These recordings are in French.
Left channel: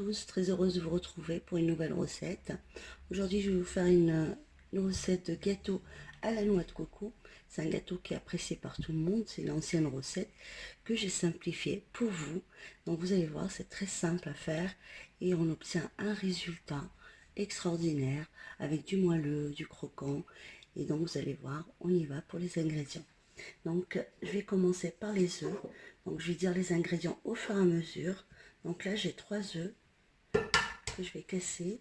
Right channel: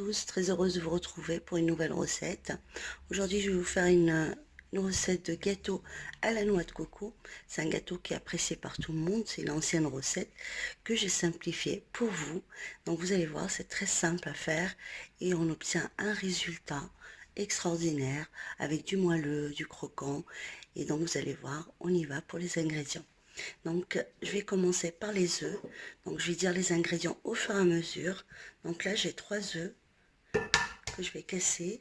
tous, très heureuse de vous retrouver pour une nouvelle recette. Aujourd'hui, je vais vous faire une recette de gâteau à la noix de coco. C'est un gâteau qui est apprécié par tout le monde. C'est une ancienne recette que j'ai simplifiée pour vous. Donc vous allez voir, c'est très simple à faire et on obtient un résultat extraordinaire avec du moelleux, du croquant. Et donc vous allez voir, on y va pour les ingrédients. Donc je vais commencer par les œufs. Donc je vais dire les ingrédients au fur et à mesure. Donc là j'ai 3 œufs que je vais casser.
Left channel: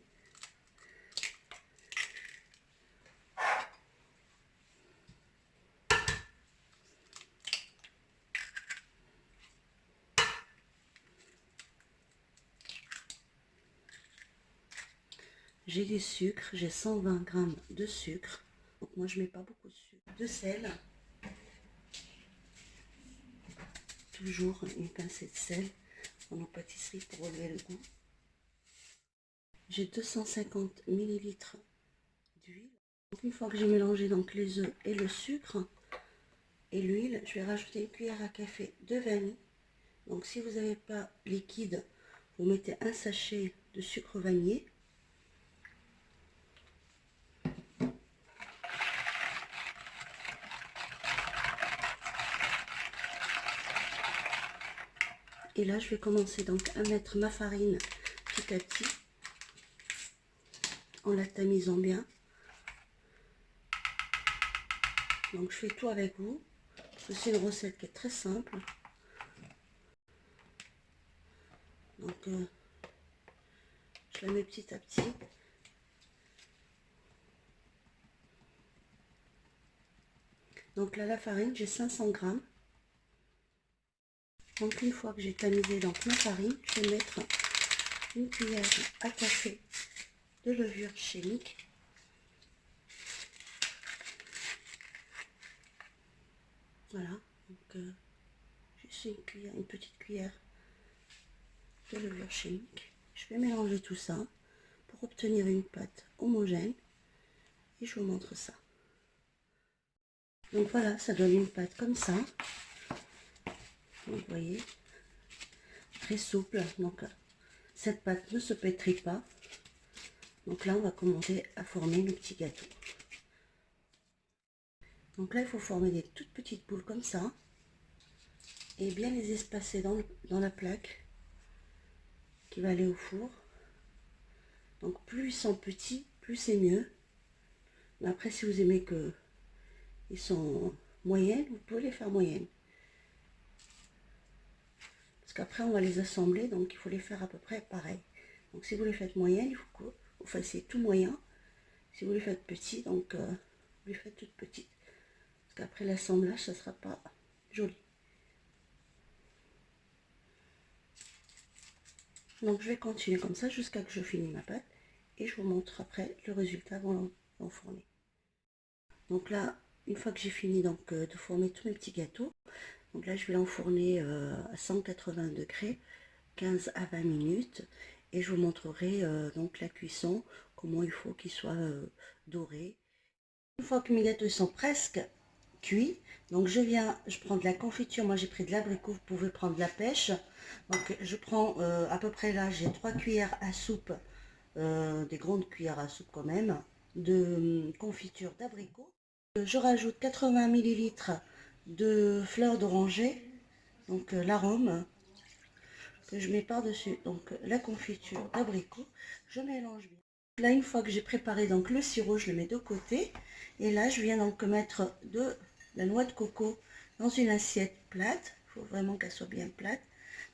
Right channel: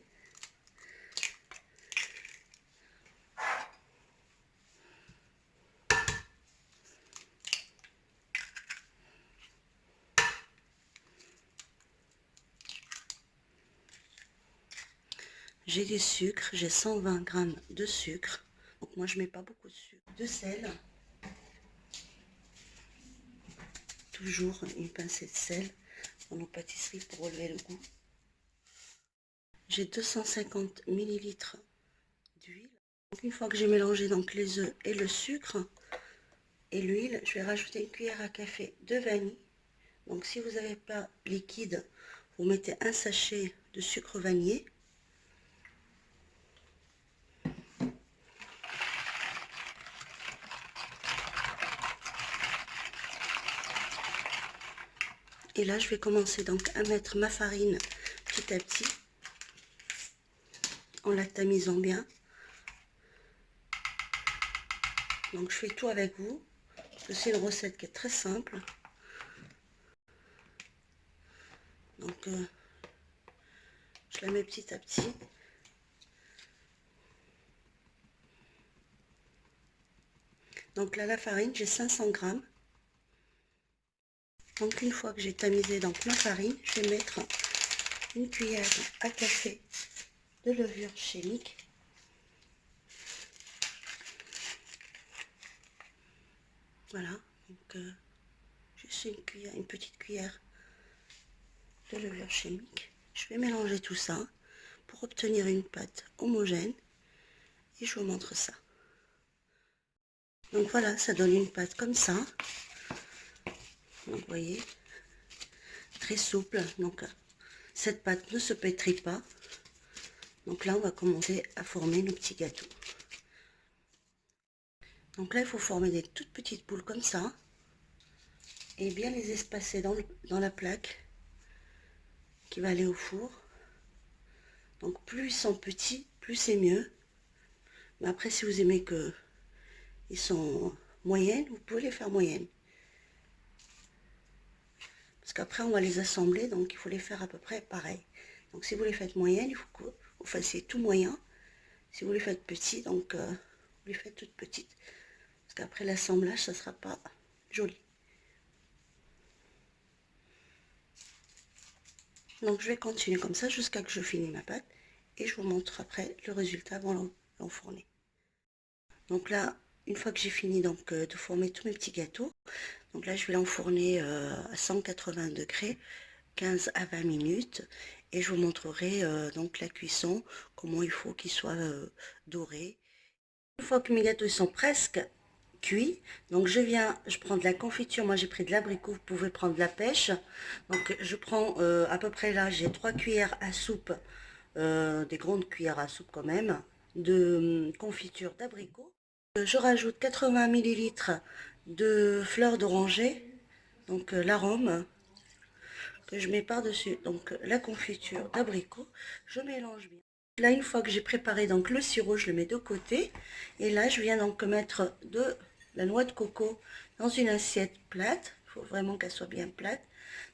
J'ai du sucre, j'ai 120 g de sucre. Donc moi je mets pas beaucoup de sucre. De sel. Toujours une pincée de sel dans nos pâtisseries pour relever le goût. J'ai 250 ml d'huile. Une fois que j'ai mélangé donc les œufs et le sucre et l'huile, je vais rajouter une cuillère à café de vanille. Donc si vous n'avez pas liquide, vous mettez un sachet de sucre vanillé. Et là, je vais commencer donc à mettre ma farine petit à petit, en la tamisant bien. Donc je fais tout avec vous. C'est une recette qui est très simple. Donc je la mets petit à petit. Donc là, la farine, j'ai 500 g. Donc une fois que j'ai tamisé donc ma farine, je vais mettre une cuillère à café de levure chimique. Voilà, donc juste une petite cuillère de levure chimique. Je vais mélanger tout ça pour obtenir une pâte homogène et je vous montre ça. Donc voilà, ça donne une pâte comme ça. Vous voyez, très souple. Donc cette pâte ne se pétrit pas. Donc là, on va commencer à former nos petits gâteaux. Donc là, il faut former des toutes petites boules comme ça et bien les espacer dans la plaque qui va aller au four. Donc plus ils sont petits, plus c'est mieux. Mais après, si vous aimez que ils sont moyennes, vous pouvez les faire moyennes. Parce qu'après, on va les assembler, donc il faut les faire à peu près pareil. Donc si vous les faites moyennes, il faut que vous fassiez tout moyen. Si vous les faites petits, donc vous les faites toutes petites. Parce qu'après l'assemblage, ça ne sera pas joli. Donc je vais continuer comme ça jusqu'à que je finis ma pâte. Et je vous montre après le résultat avant l'enfourner. Donc là, une fois que j'ai fini donc, de former tous mes petits gâteaux, donc là je vais l'enfourner à 180 degrés, 15 à 20 minutes. Et je vous montrerai donc la cuisson, comment il faut qu'ils soient dorés. Une fois que mes gâteaux sont presque cuits, donc je prends de la confiture. Moi j'ai pris de l'abricot, vous pouvez prendre de la pêche. Donc je prends à peu près là, j'ai 3 cuillères à soupe, des grandes cuillères à soupe quand même, de confiture d'abricot. Je rajoute 80 ml de fleur d'oranger, donc l'arôme que je mets par-dessus, donc la confiture d'abricot, je mélange bien. Là, une fois que j'ai préparé donc le sirop, je le mets de côté. Et là, je viens donc mettre de la noix de coco dans une assiette plate. Il faut vraiment qu'elle soit bien plate.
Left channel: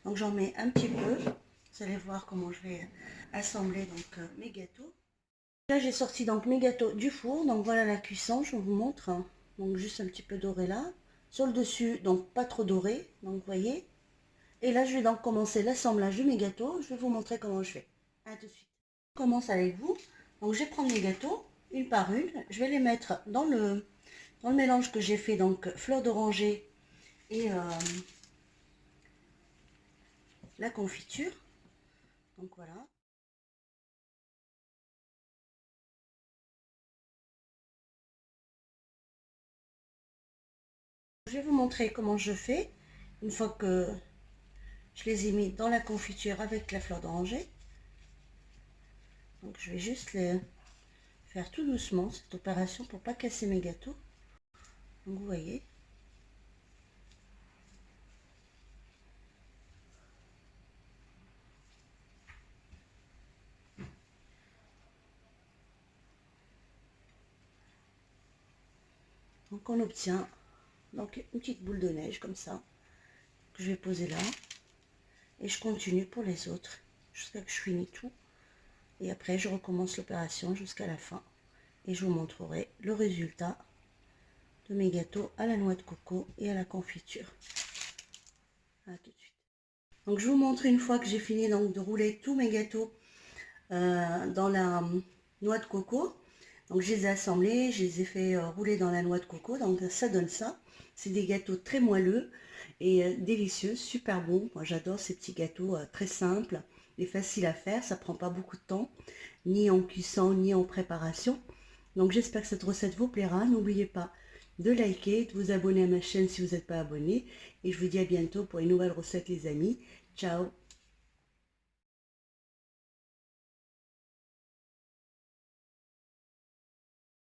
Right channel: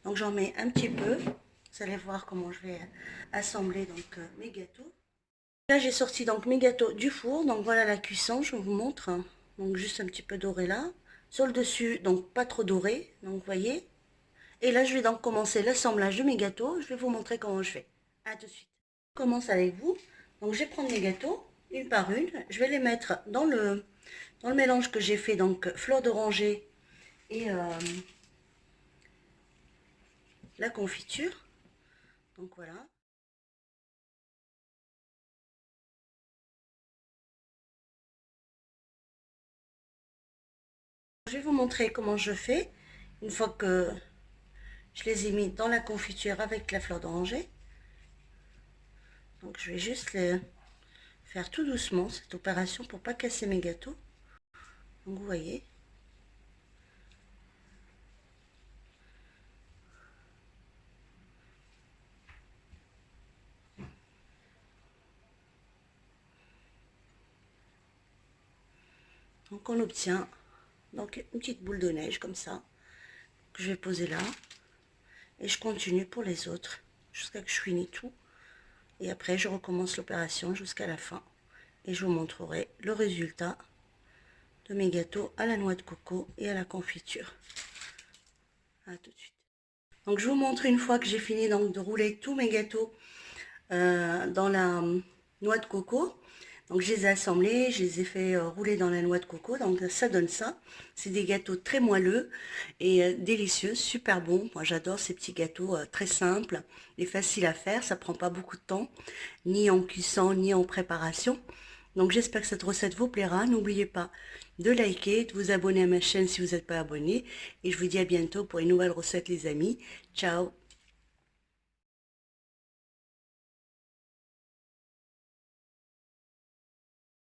Donc j'en mets un petit peu. Vous allez voir comment je vais assembler donc mes gâteaux. Là, j'ai sorti donc mes gâteaux du four. Donc voilà la cuisson, je vous montre. Donc juste un petit peu doré là. Sur le dessus, donc pas trop doré. Donc vous voyez. Et là, je vais donc commencer l'assemblage de mes gâteaux. Je vais vous montrer comment je fais. À tout de suite. Je commence avec vous. Donc, je vais prendre mes gâteaux, une par une. Je vais les mettre dans le mélange que j'ai fait, donc fleur d'oranger et la confiture. Donc, voilà. Je vais vous montrer comment je fais une fois que je les ai mis dans la confiture avec la fleur d'oranger. Donc je vais juste faire tout doucement cette opération pour pas casser mes gâteaux. Donc vous voyez. Donc on obtient donc une petite boule de neige comme ça, que je vais poser là. Et je continue pour les autres, jusqu'à que je finis tout. Et après je recommence l'opération jusqu'à la fin. Et je vous montrerai le résultat de mes gâteaux à la noix de coco et à la confiture. À tout de suite. Donc je vous montre une fois que j'ai fini donc, de rouler tous mes gâteaux dans la noix de coco. Donc je les ai assemblés, je les ai fait rouler dans la noix de coco, donc ça donne ça. C'est des gâteaux très moelleux et délicieux, super bons. Moi j'adore ces petits gâteaux très simples et faciles à faire, ça prend pas beaucoup de temps, ni en cuisson, ni en préparation. Donc j'espère que cette recette vous plaira. N'oubliez pas de liker, de vous abonner à ma chaîne si vous n'êtes pas abonné. Et je vous dis à bientôt pour une nouvelle recette les amis. Ciao!